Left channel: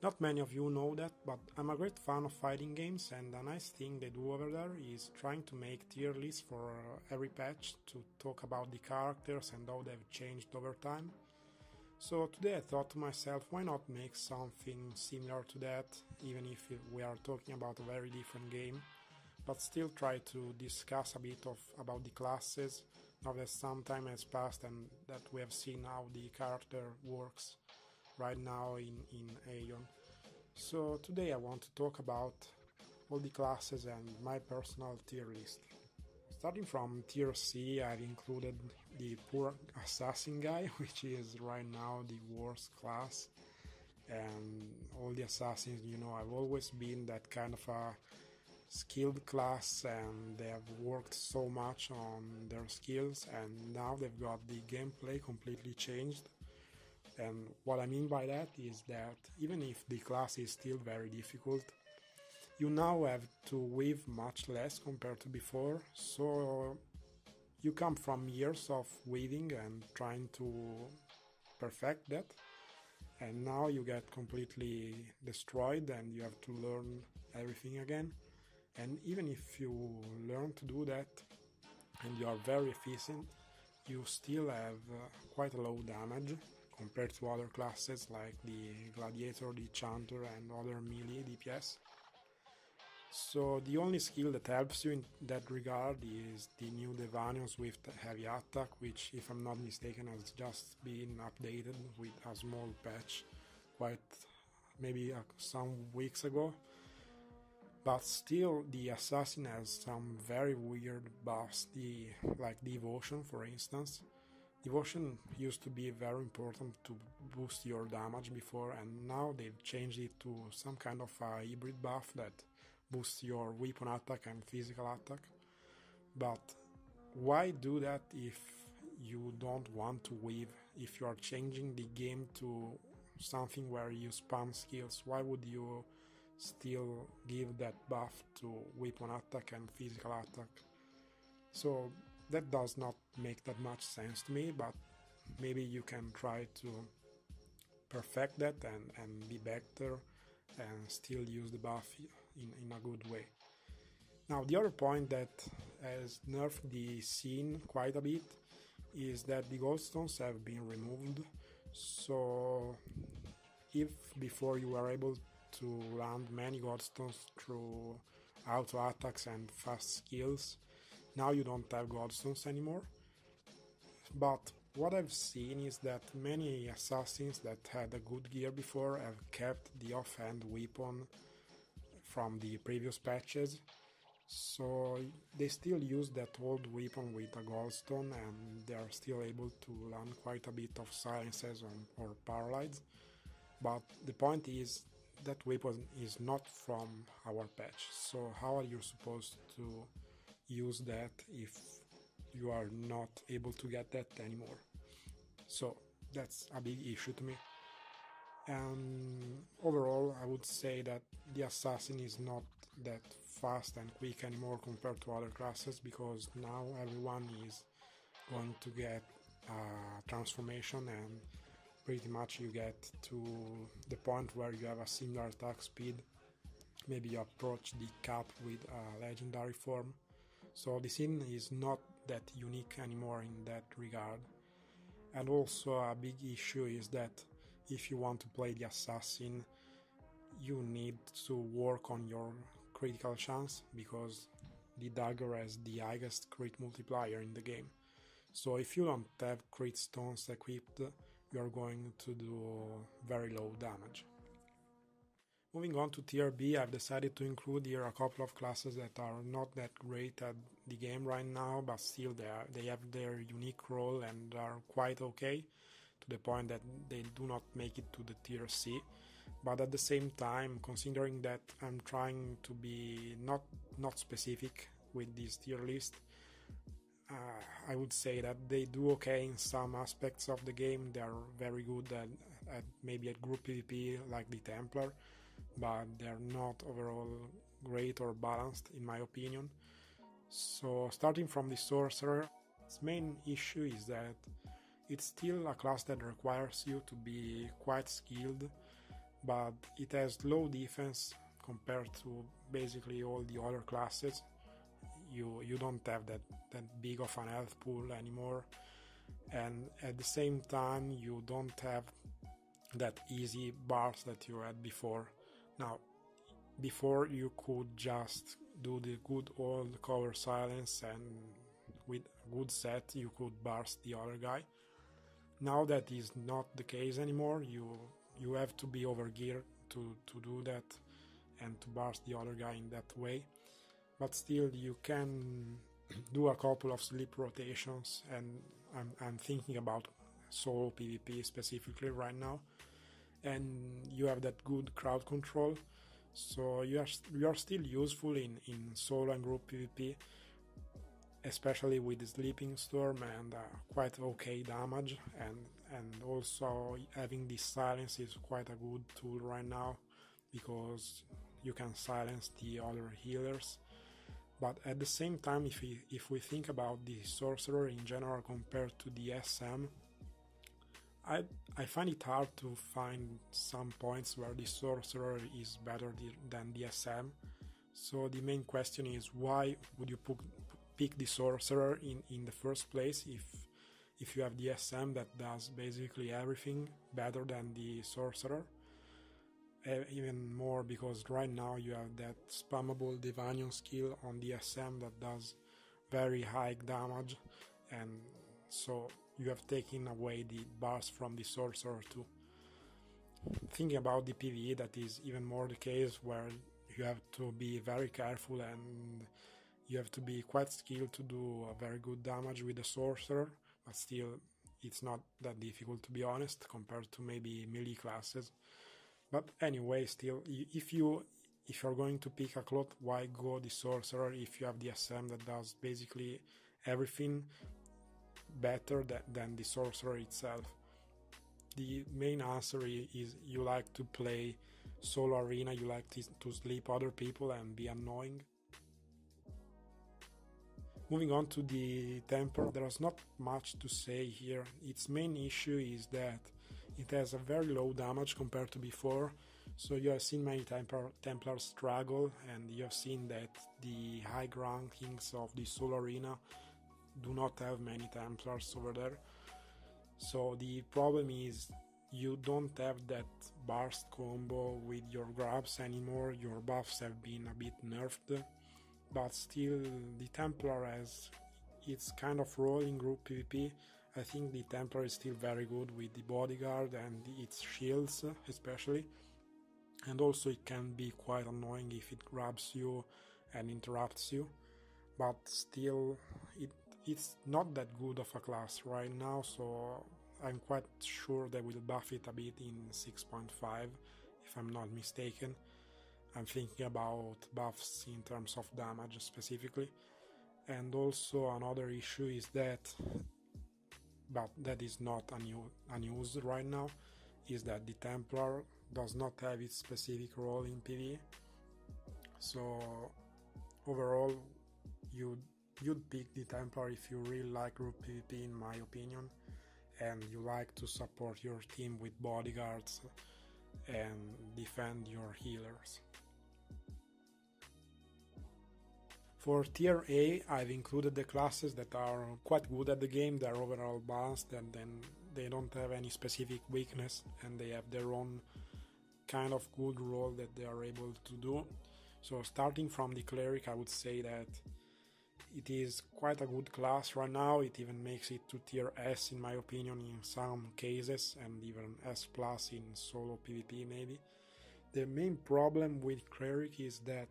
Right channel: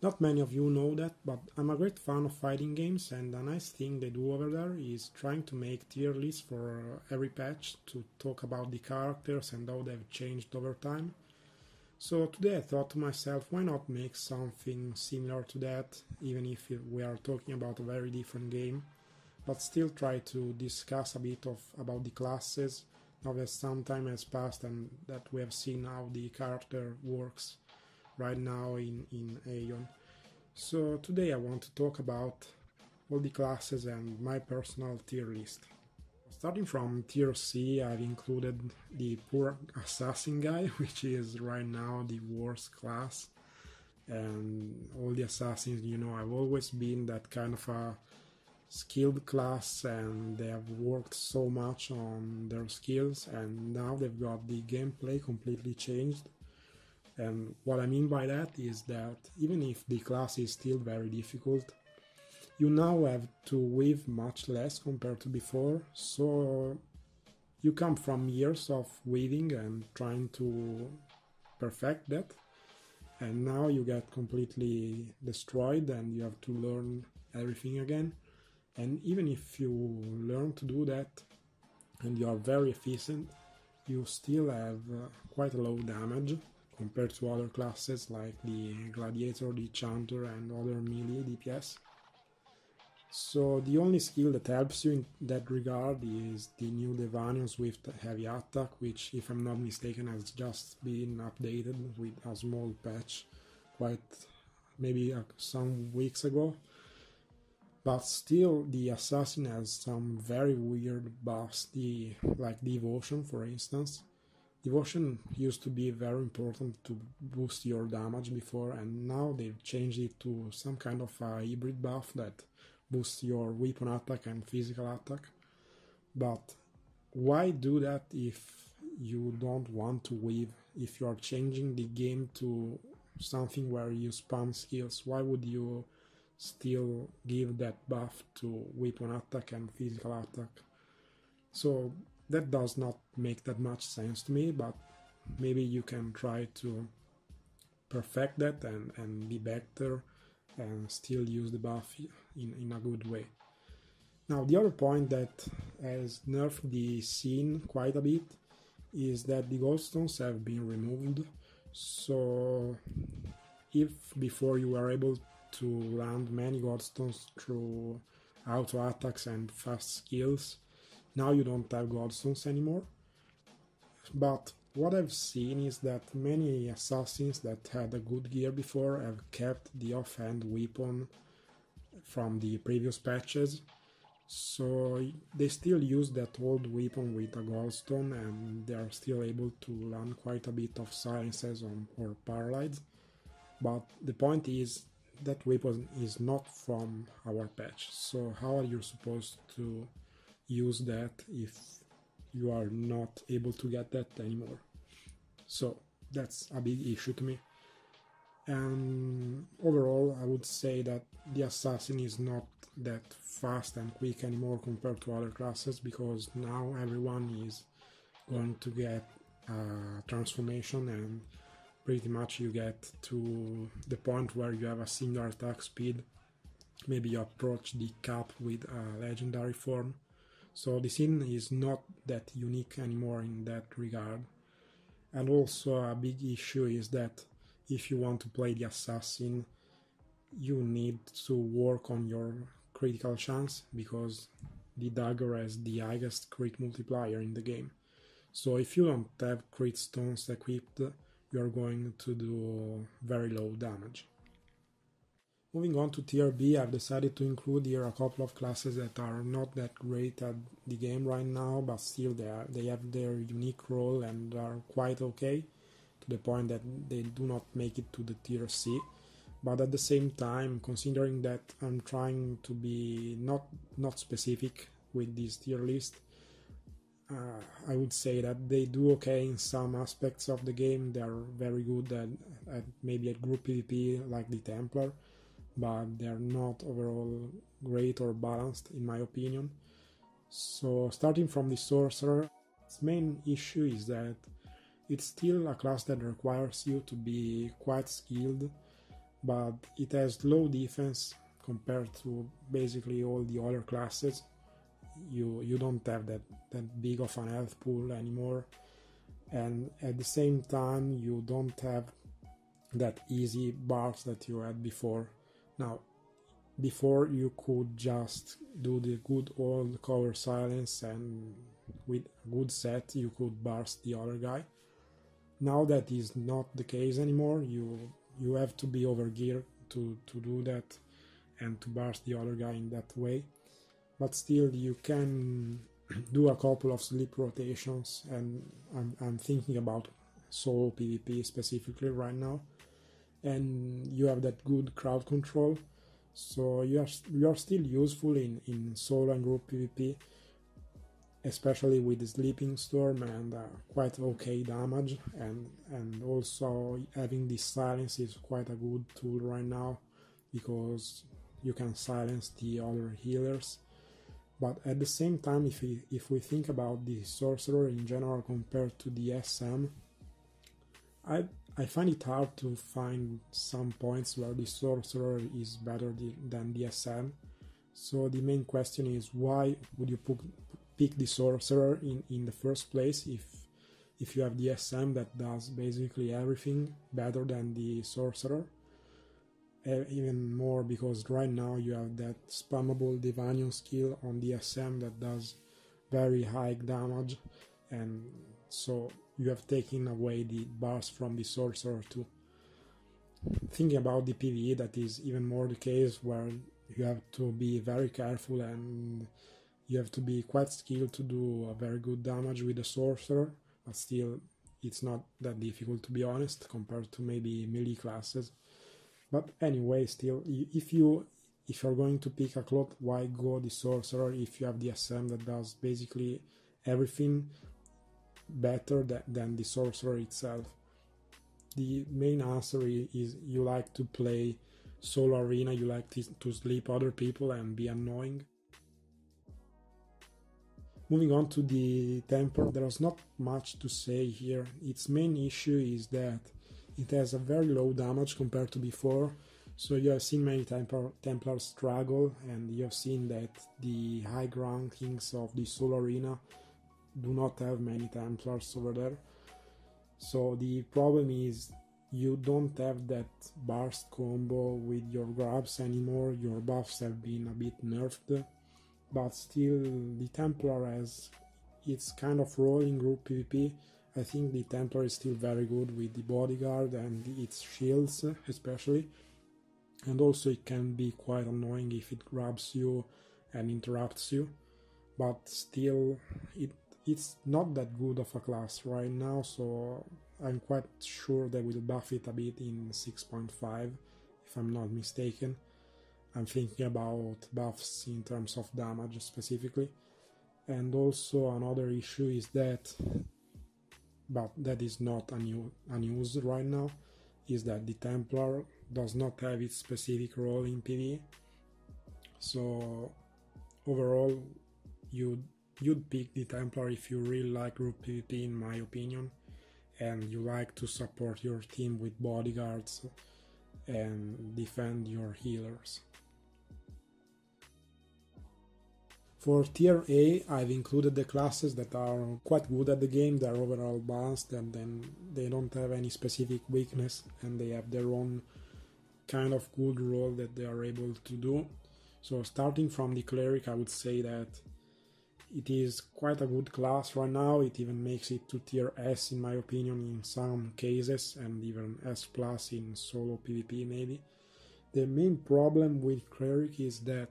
Not many of you know that, but I'm a great fan of fighting games, and a nice thing they do over there is trying to make tier lists for every patch to talk about the characters and how they've changed over time. So today I thought to myself, why not make something similar to that, even if we are talking about a very different game, but still try to discuss a bit about the classes, now that some time has passed and that we have seen how the character works right now in Aion. So today I want to talk about all the classes and my personal tier list. Starting from tier C, I've included the poor assassin guy, which is right now the worst class. And all the assassins, I've always been that kind of a skilled class, and they have worked so much on their skills, and now they've got the gameplay completely changed. And what I mean by that is that even if the class is still very difficult, you now have to weave much less compared to before, so you come from years of weaving and trying to perfect that, and now you get completely destroyed and you have to learn everything again. And even if you learn to do that and you are very efficient, you still have quite a low damage compared to other classes like the Gladiator, the Chanter and other melee DPS. So the only skill that helps you in that regard is the new Devanian Swift Heavy Attack, which, if I'm not mistaken, has just been updated with a small patch maybe some weeks ago. But still, the Assassin has some very weird buffs, like Devotion, for instance. Devotion used to be very important to boost your damage before, and now they've changed it to some kind of a hybrid buff that boosts your weapon attack and physical attack. But why do that if you don't want to weave? If you are changing the game to something where you spam skills, why would you still give that buff to weapon attack and physical attack? So that does not make that much sense to me, but maybe you can try to perfect that and be better and still use the buff in a good way. Now, the other point that has nerfed the scene quite a bit is that the goldstones have been removed. So if before you were able to land many goldstones through auto attacks and fast skills, now you don't have goldstones anymore. But what I've seen is that many assassins that had a good gear before have kept the offhand weapon from the previous patches, so they still use that old weapon with a goldstone and they're still able to land quite a bit of silences or paralyzed. But the point is that weapon is not from our patch, so how are you supposed to use that if you are not able to get that anymore? So that's a big issue to me. And overall, I would say that the assassin is not that fast and quick anymore compared to other classes, because now everyone is going to get a transformation, and pretty much you get to the point where you have a single attack speed. Maybe you approach the cap with a legendary form. So the scene is not that unique anymore in that regard. And also a big issue is that if you want to play the assassin, you need to work on your critical chance, because the dagger has the highest crit multiplier in the game. So if you don't have crit stones equipped, you're going to do very low damage. Moving on to tier B, I've decided to include here a couple of classes that are not that great at the game right now, but still they have their unique role and are quite okay, to the point that they do not make it to the tier C. But at the same time, considering that I'm trying to be not specific with this tier list, I would say that they do okay in some aspects of the game. They're very good at maybe at group PvP like the Templar, but they're not overall great or balanced in my opinion. So starting from the Sorcerer, its main issue is that it's still a class that requires you to be quite skilled but it has low defense compared to basically all the other classes. You don't have that big of an health pool anymore, and at the same time you don't have that easy bars that you had before. Now, before you could just do the good old cover silence, and with a good set you could burst the other guy. Now that is not the case anymore. You have to be overgeared to do that and to burst the other guy in that way. But still, you can do a couple of sleep rotations, and I'm thinking about solo PvP specifically right now. And you have that good crowd control, so you are still useful in solo and group PvP, especially with the Sleeping Storm and quite okay damage, and also having this silence is quite a good tool right now because you can silence the other healers. But at the same time, if we think about the Sorcerer in general compared to the SM, I find it hard to find some points where the Sorcerer is better than the SM. So the main question is, why would you pick the Sorcerer in the first place if you have the SM that does basically everything better than the Sorcerer? Even more because right now you have that spammable Divinium skill on the SM that does very high damage, and so you have taken away the bars from the Sorcerer too. Thinking about the PvE, that is even more the case, where you have to be very careful and you have to be quite skilled to do a very good damage with the Sorcerer, but still it's not that difficult, to be honest, compared to maybe melee classes. But anyway, still, if you're going to pick a cloth, why go the Sorcerer if you have the SM that does basically everything better than the Sorcerer itself? The main answer is you like to play solo arena, you like to sleep other people and be annoying. Moving on to the Templar, there's not much to say here. Its main issue is that it has a very low damage compared to before, so you have seen many Templars struggle, and you have seen that the high ground kings of the solo arena do not have many Templars over there. So the problem is you don't have that burst combo with your grabs anymore. Your buffs have been a bit nerfed, but still the Templar has its kind of role in group PvP. I think the Templar is still very good with the bodyguard and its shields especially, and also it can be quite annoying if it grabs you and interrupts you, but still it's not that good of a class right now, so I'm quite sure they will buff it a bit in 6.5 if I'm not mistaken. I'm thinking about buffs in terms of damage specifically. And also another issue is that, but that is not a news right now, is that the Templar does not have its specific role in PvE. So overall, you'd pick the Templar if you really like group PvP, in my opinion, and you like to support your team with bodyguards and defend your healers. For tier A, I've included the classes that are quite good at the game, they're overall balanced, and then they don't have any specific weakness, and they have their own kind of good role that they are able to do. So starting from the Cleric, I would say that it is quite a good class right now. It even makes it to tier S in my opinion in some cases, and even S plus in solo PvP maybe. The main problem with Cleric is that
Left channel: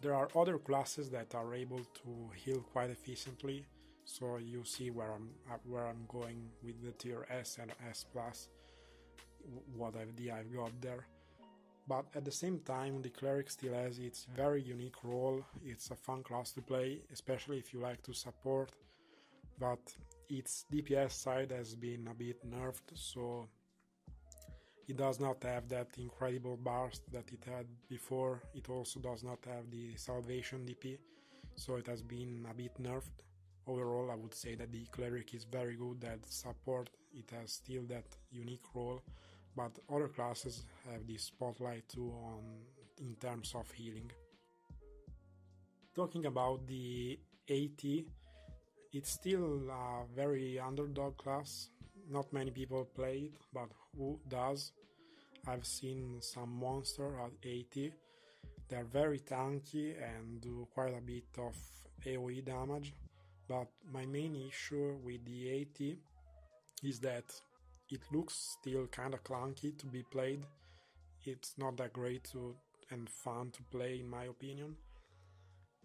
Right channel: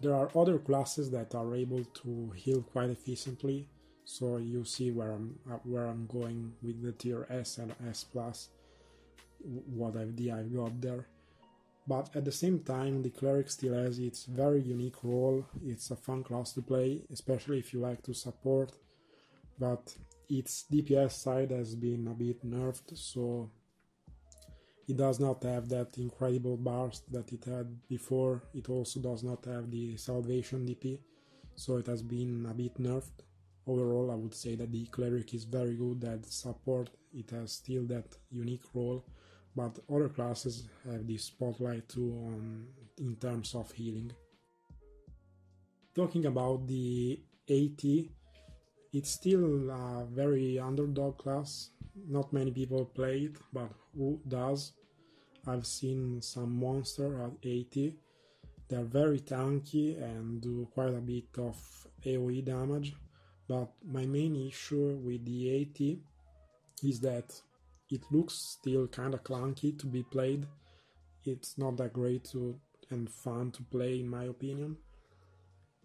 there are other classes that are able to heal quite efficiently, so you see where I'm going with the tier S and S plus, what idea I've got there. But at the same time, the Cleric still has its very unique role. It's a fun class to play, especially if you like to support, but its DPS side has been a bit nerfed, so it does not have that incredible burst that it had before. It also does not have the Salvation DP, so it has been a bit nerfed. Overall, I would say that the Cleric is very good at support. It has still that unique role but other classes have this spotlight too in terms of healing. Talking about the AT, it's still a very underdog class. Not many people play it, but who does? I've seen some monster at 80. They're very tanky and do quite a bit of AoE damage, but my main issue with the 80 is that it looks still kinda clunky to be played. It's not that great and fun to play in my opinion,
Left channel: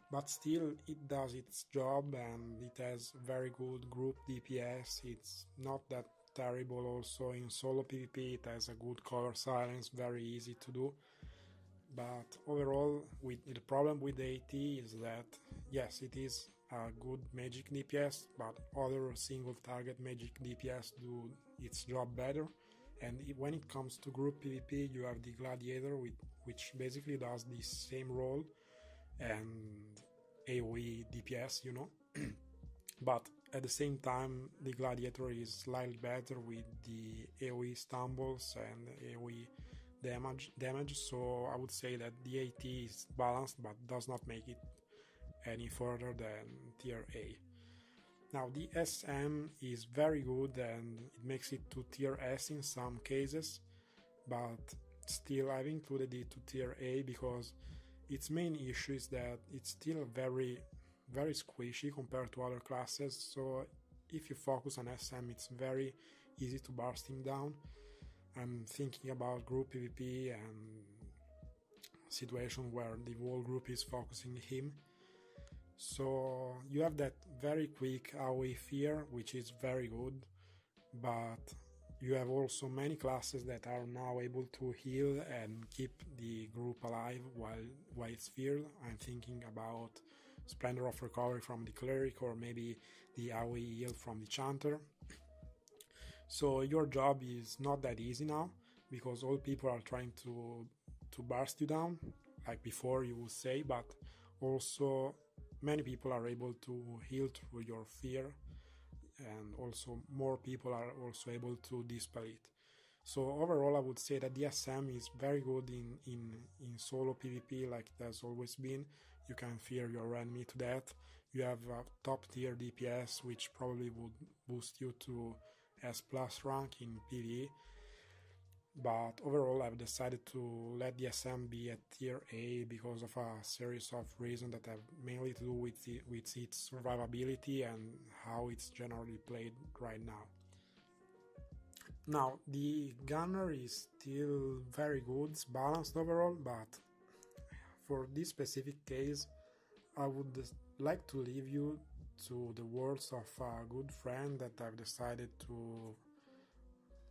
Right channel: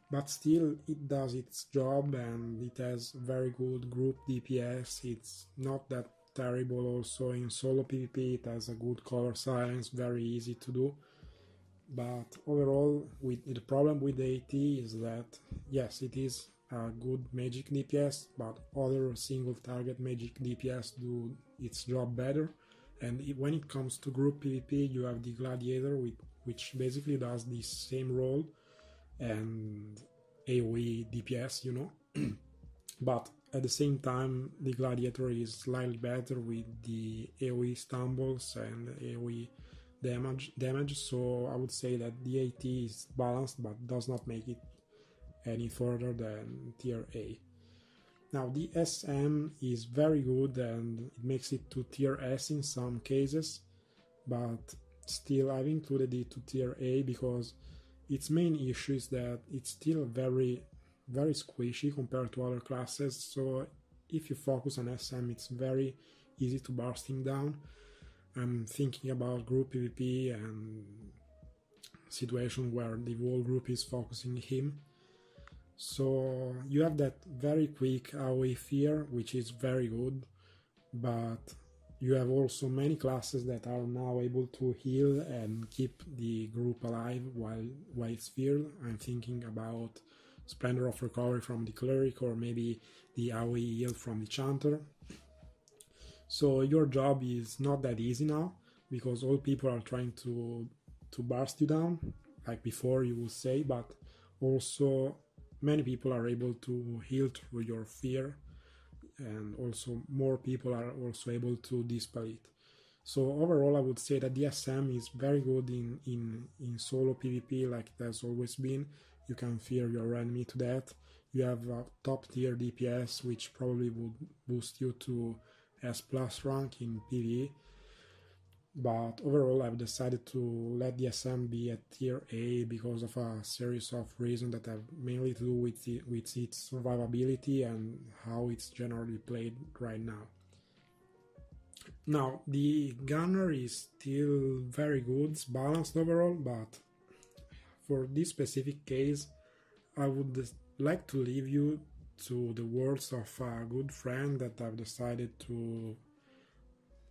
but still it does its job and it has very good group DPS. It's not that terrible also in solo PvP. It has a good color science, very easy to do. But overall, the problem with the AT is that, yes, it is a good magic DPS, but other single target magic DPS do its job better. And when it comes to group PvP, you have the Gladiator, which basically does the same role and AoE DPS, but at the same time, the Gladiator is slightly better with the AoE stumbles and AoE damage, so I would say that the AT is balanced but does not make it any further than tier A. Now the SM is very good and it makes it to tier S in some cases, but still I've included it to tier A because its main issue is that it's still very squishy compared to other classes, so if you focus on SM it's very easy to burst him down. I'm thinking about group PvP and situation where the whole group is focusing him. So you have that very quick AoE fear, which is very good, but you have also many classes that are now able to heal and keep the group alive while it's feared. I'm thinking about Splendor of Recovery from the Cleric or maybe the AoE heal from the Chanter. So your job is not that easy now because all people are trying to burst you down, like before you will say, but also many people are able to heal through your fear, and also more people are also able to dispel it. So overall I would say that the SM is very good in solo PvP like it has always been. You can fear your enemy to death. You have a top tier DPS which probably would boost you to S+ rank in PvE, but overall I've decided to let the SM be at tier A because of a series of reasons that have mainly to do with its survivability and how it's generally played right now. Now the Gunner is still very good, it's balanced overall, but for this specific case I would like to leave you to the words of a good friend that I've decided to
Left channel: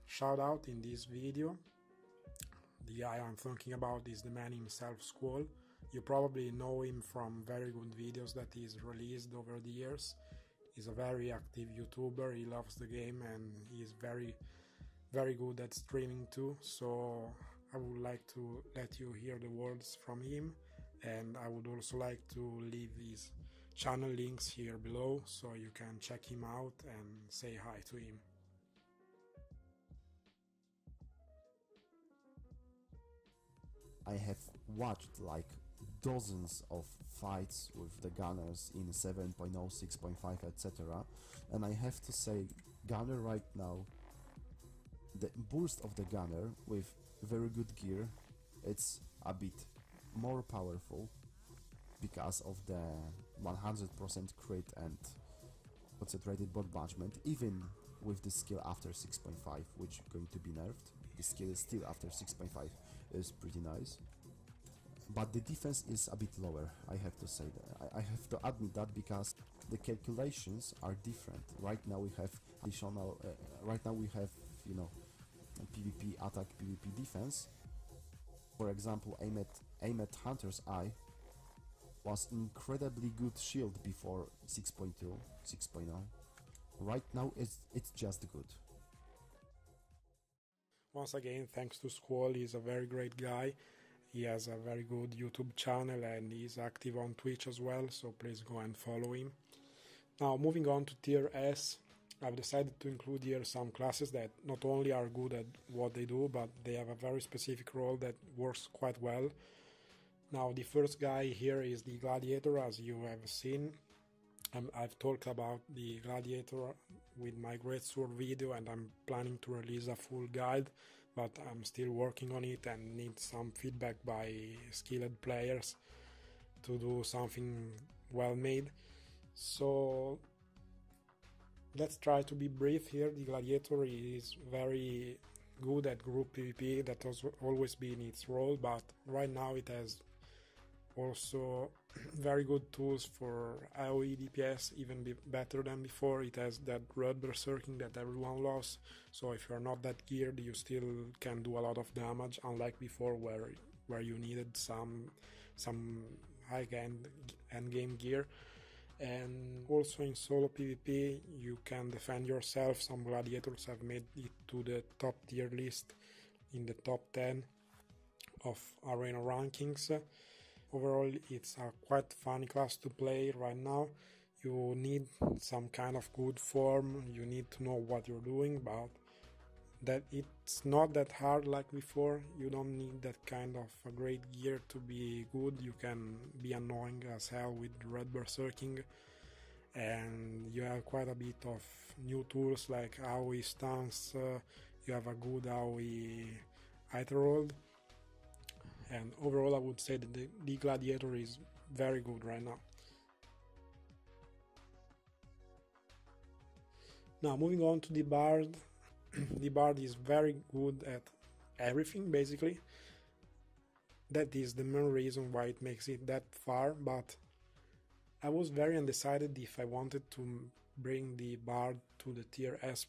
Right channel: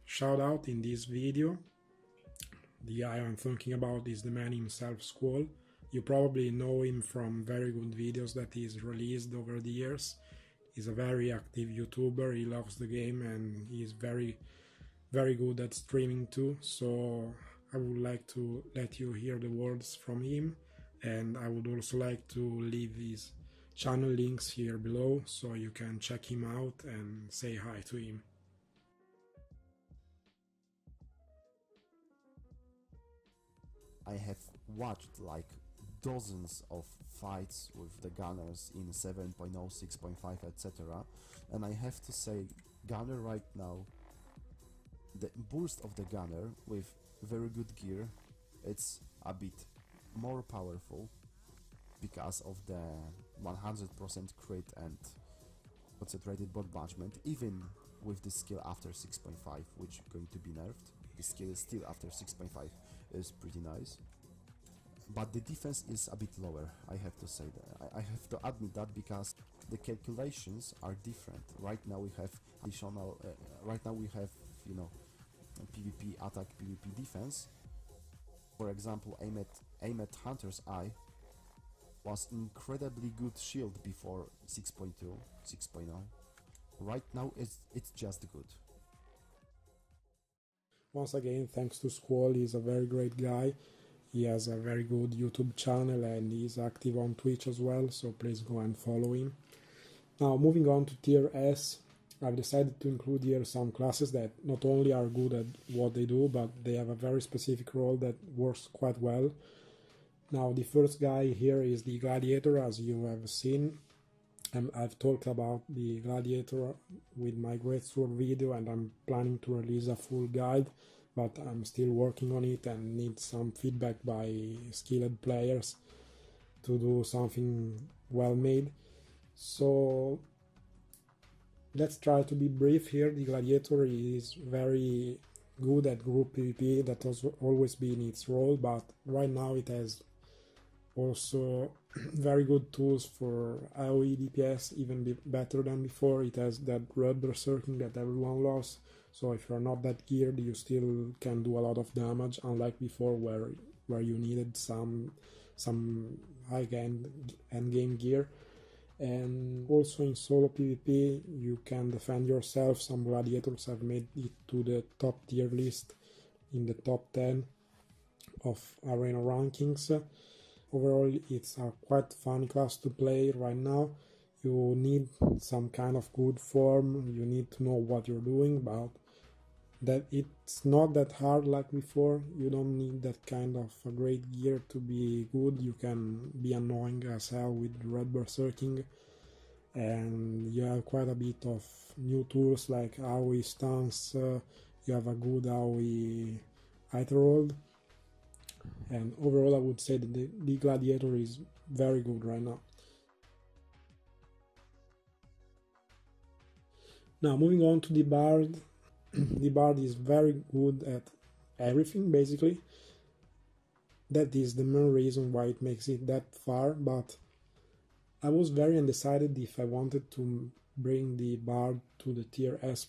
shout out in this video. The guy I'm thinking about is the man himself, Squall. You probably know him from very good videos that he's released over the years. He's a very active YouTuber, he loves the game and he's very good at streaming too, so I would like to let you hear the words from him, and I would also like to leave his channel links here below so you can check him out and say hi to him. I have watched like dozens of fights with the Gunners in 7.0, 6.5, etc. And I have to say, Gunner right now, the burst of the Gunner with very good gear, it's a bit more powerful because of the 100% crit and concentrated bot management, even with the skill after 6.5, which is going to be nerfed. The skill still after 6.5 is pretty nice, but the defense is a bit lower, I have to say that. I have to admit that because the calculations are different. Right now we have additional, you know, PvP attack, PvP defense. For example, aim at Hunter's Eye was incredibly good shield before 6.2, 6.0. Right now it's just good. Once again, thanks to Squall, he's a very great guy. He has a very good YouTube channel and he's active on Twitch as well, so please go and follow him. Now moving on to tier S, I've decided to include here some classes that not only are good at what they do, but they have a very specific role that works quite well. Now, the first guy here is the Gladiator, as you have seen. I've talked about the Gladiator with my Greatsword video, and I'm planning to release a full guide, but I'm still working on it and need some feedback by skilled players to do something well made. So let's try to be brief here. The Gladiator is very good at group PvP. That has always been its role, but right now it has also very good tools for AoE DPS, even better than before. It has that red berserking that everyone loves, so if you're not that geared, you still can do a lot of damage, unlike before where you needed some high-end endgame gear. And also in solo PvP you can defend yourself. Some gladiators have made it to the top tier list, in the top 10 of arena rankings. Overall, it's a quite fun class to play right now. You need some kind of good form, you need to know what you're doing, but that it's not that hard like before. You don't need that kind of a great gear to be good. You can be annoying as hell with red berserking, and you have quite a bit of new tools like AoE stance. You have a good AoE Aetherhold, and overall I would say that the Gladiator is very good right now. Now moving on to the Bard. The Bard is very good at everything basically. That is the main reason why it makes it that far, but I was very undecided if I wanted to bring the Bard to the tier S+,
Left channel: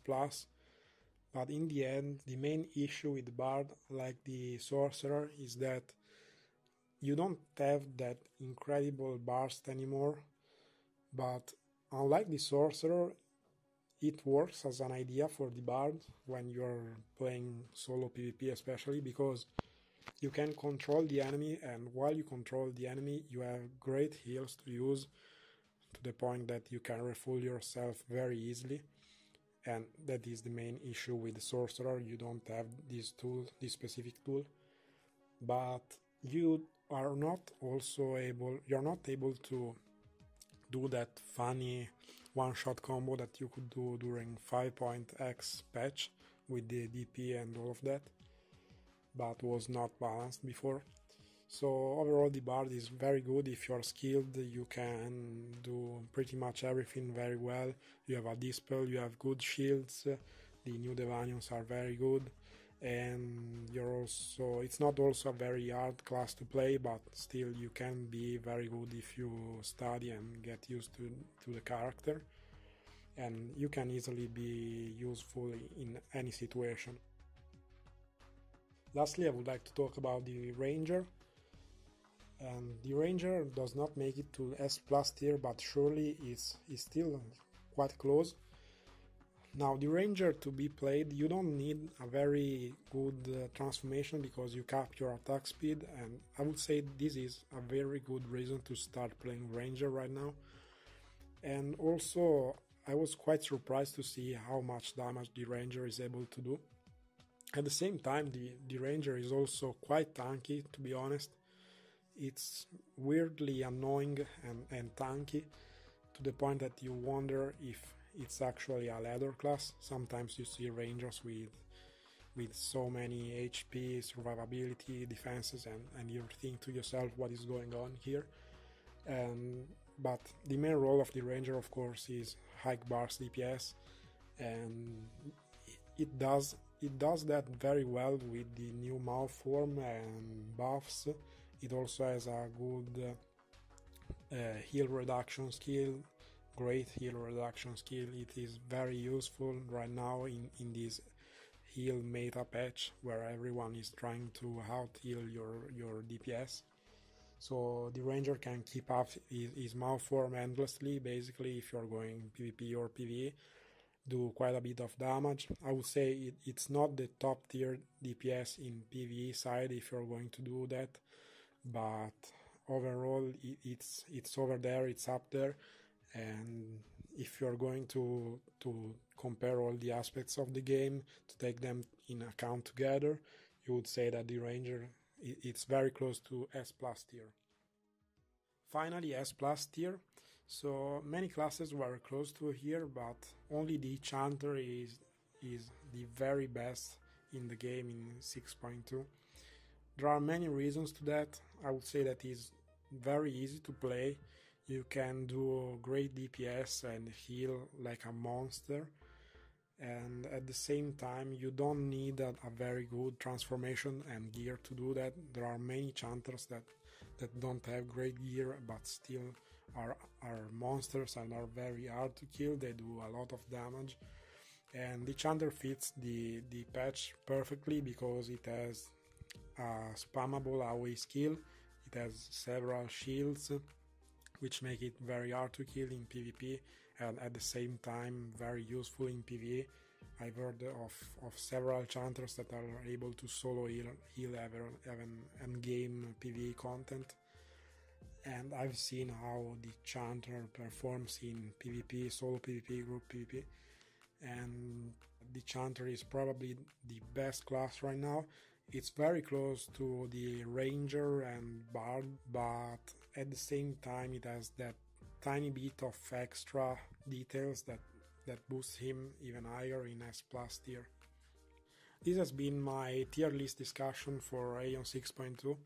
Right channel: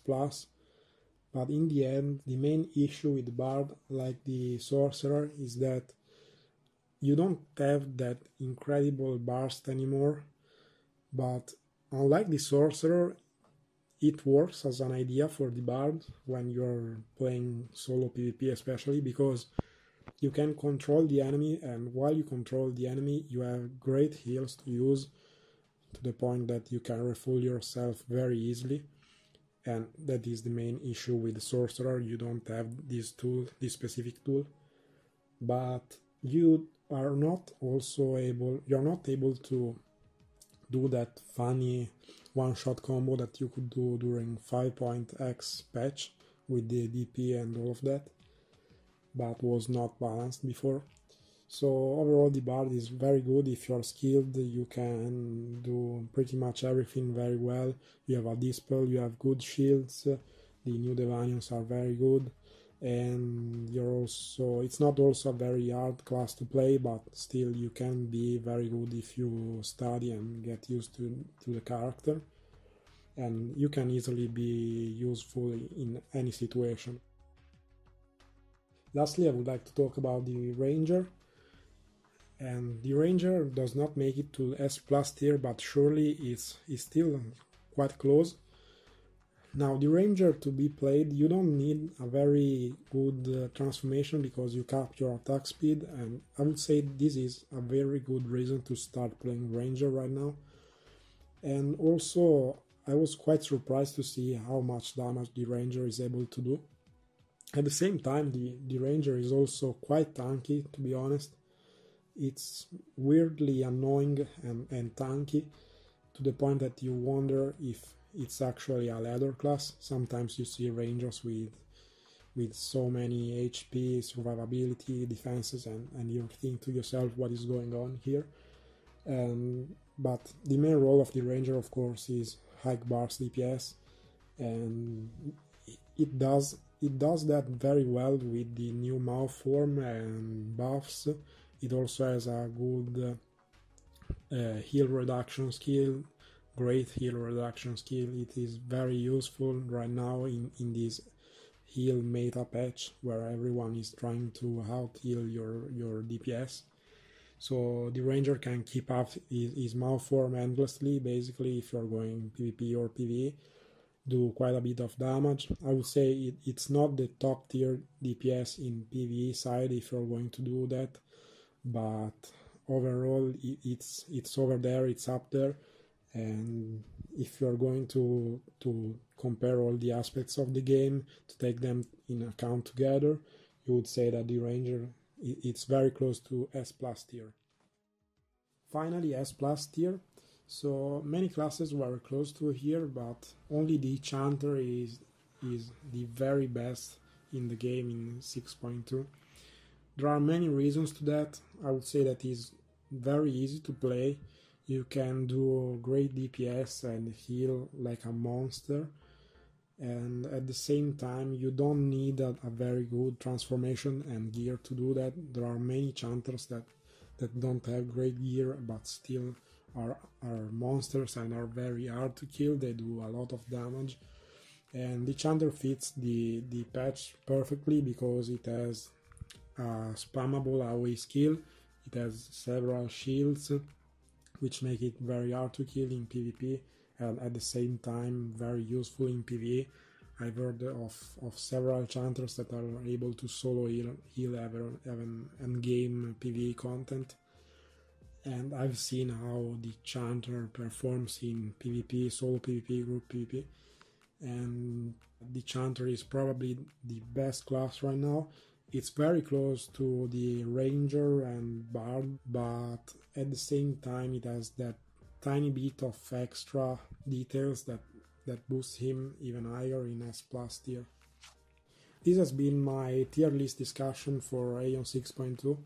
but in the end the main issue with the Bard, like the Sorcerer, is that you don't have that incredible burst anymore, but unlike the Sorcerer, it works as an idea for the Bard when you're playing solo PvP especially, because you can control the enemy, and while you control the enemy you have great heals to use, to the point that you can refuel yourself very easily. And that is the main issue with the Sorcerer. You don't have this tool, this specific tool, but you're not able to do that funny one-shot combo that you could do during 5.x patch with the DP and all of that, but was not balanced before. So overall the Bard is very good. If you're skilled, you can do pretty much everything very well. You have a Dispel, you have good shields, the new Devanions are very good, and it's not also a very hard class to play, but still you can be very good if you study and get used to the character, and you can easily be useful in any situation. Lastly, I would like to talk about the Ranger. And the Ranger does not make it to S+ tier, but surely is still quite close. Now, the Ranger to be played, you don't need a very good transformation because you cap your attack speed, and I would say this is a very good reason to start playing Ranger right now. And also, I was quite surprised to see how much damage the Ranger is able to do. At the same time, the Ranger is also quite tanky, to be honest. It's weirdly annoying and tanky, to the point that you wonder if it's actually a ladder class. Sometimes you see Rangers with so many HP, survivability, defenses, and you think to yourself, what is going on here? But the main role of the Ranger, of course, is high burst DPS, and it does that very well with the new Malform and buffs. It also has a good heal reduction skill, great heal reduction skill. It is very useful right now in this heal meta patch where everyone is trying to out heal your DPS. So the Ranger can keep up his Malform endlessly, basically, if you're going PvP or PvE, do quite a bit of damage. I would say it's not the top tier DPS in PvE side if you're going to do that, but overall it's over there, it's up there, and if you're going to compare all the aspects of the game, to take them in account together, you would say that the Ranger, it's very close to S+ tier. Finally, S+ tier. So many classes were close to here, but only the Chanter is the very best in the game in 6.2. There are many reasons to that. I would say that it's very easy to play. You can do great DPS and heal like a monster, and at the same time you don't need a very good transformation and gear to do that. There are many Chanters that don't have great gear but still are monsters and are very hard to kill. They do a lot of damage, and the Chanter fits the patch perfectly because it has a spammable AoE skill, it has several shields which make it very hard to kill in PvP, and at the same time very useful in PvE. I've heard of several Chanters that are able to solo heal even endgame PvE content, and I've seen how the Chanter performs in PvP, solo PvP, group PvP, and the Chanter is probably the best class right now. It's very close to the Ranger and Bard, but at the same time it has that tiny bit of extra details that boosts him even higher in S+ tier. This has been my tier list discussion for Aion 6.2.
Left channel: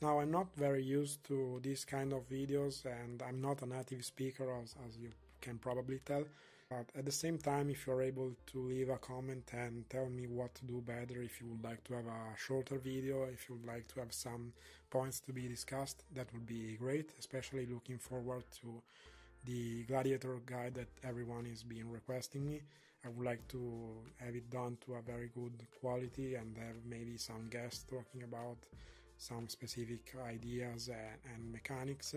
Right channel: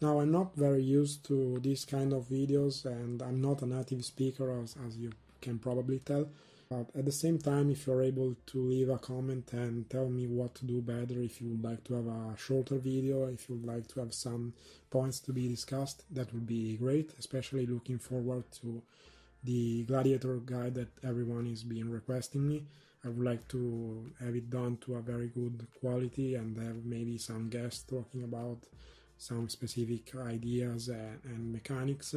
Now, I'm not very used to this kind of videos, and I'm not a native speaker as you can probably tell. But at the same time, if you're able to leave a comment and tell me what to do better, if you would like to have a shorter video, if you would like to have some points to be discussed, that would be great, especially looking forward to the Gladiator guide that everyone is being requesting me. I would like to have it done to a very good quality and have maybe some guests talking about some specific ideas and mechanics.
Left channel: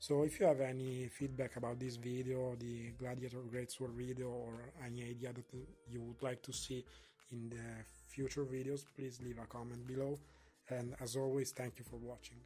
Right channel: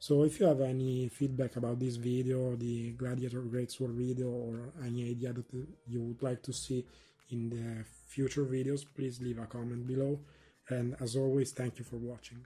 So if you have any feedback about this video, the Gladiator Greatsword video, or any idea that you would like to see in the future videos, please leave a comment below. And as always, thank you for watching.